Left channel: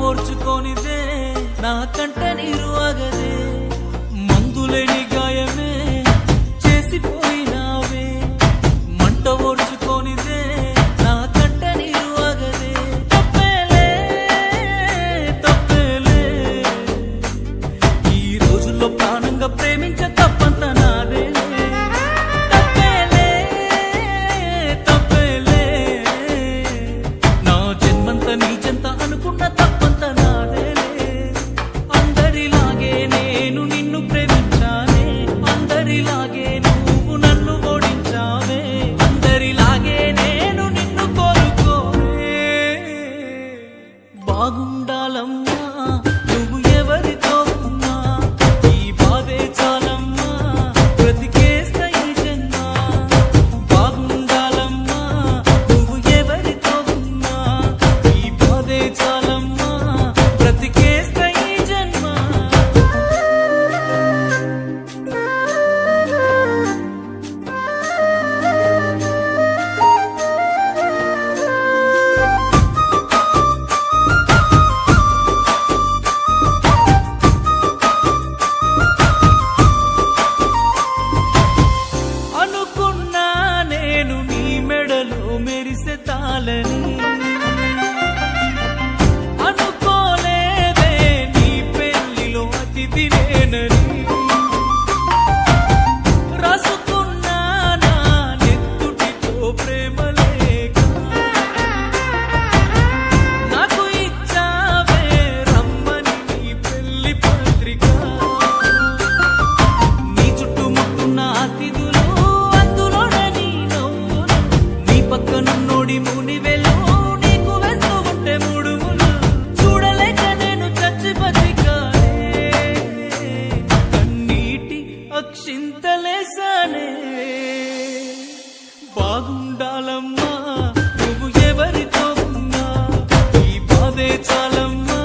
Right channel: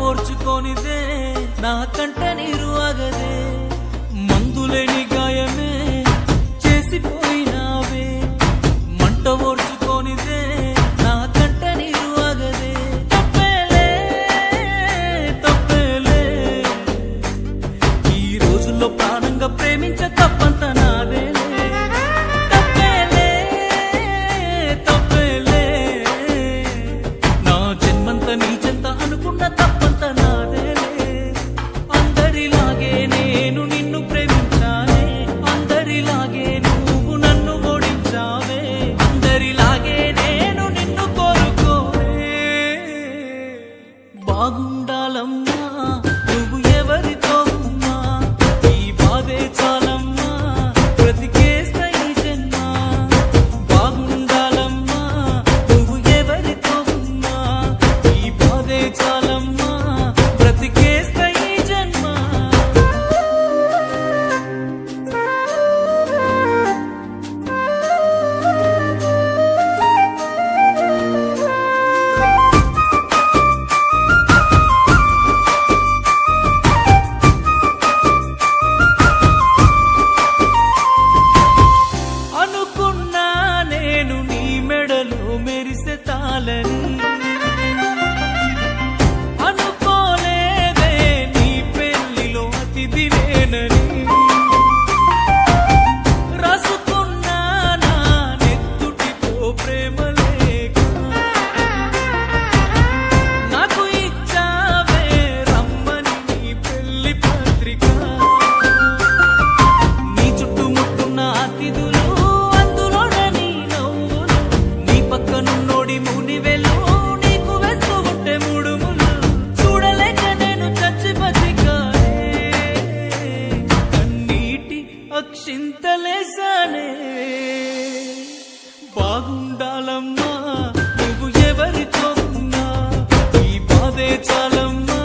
ఓర్చుకోనిదే నా కంట నీరు ఆగదే మందులేని గాయమే చేసిపోయినావే మంట ఓర్చుకోనిదే నా కంట నీరు ఆగదే తప్పేలే తప్పేలే ఈ రోజుల్లో ప్రాణంగా ప్రేమించ తప్పంత నాదేలే తప్పేలే తప్పేలే నా జన్మంత నీ చెంత అనుకున్న తప్పంత నాదేలే అందరిలాగే నేను నిన్ను ప్రేమించానే అందరిలాగే నువ్వు నన్ను ఓడించావే అందరిలాగే నేను నిన్ను కోరుకోనే బాగుండాలమ్మా నువ్వు ఎవరితో ఉన్నా ఈ బాధే చాలమ్మా బ్రతికేస్తా ఈ జన్మ బాగుండాలమ్మా నువ్వు ఎవరితో ఉన్నా ఈ బాధే చాలమ్మా బ్రతికేస్తా ఈ జన్మ అనుకున్నా నేను నీ మెడలో మెరిసే తాళని అనుకోలేదే నీ పెళ్లిలో అతిథి నేనని రాసుకున్నా నా నెత్తుటితో ప్రేమ లేక నాకు ఇచ్చావే రమ్మని నీ పెళ్లి పత్రిక నీ చుట్టుముట్టున్న అతిథులు అందులోనే నీ నవ్వులు నీ పక్కనున్నోడి మునివెలు నీకు వేస్తూ ఉంటే ముడుములు చూడలేక నేను చచ్చి బతికానే కన్నీటి అక్షింతలేసానే బాగుండాలమ్మా నువ్వు ఎవరితో ఉన్నా ఈ బాధే చాలమ్మా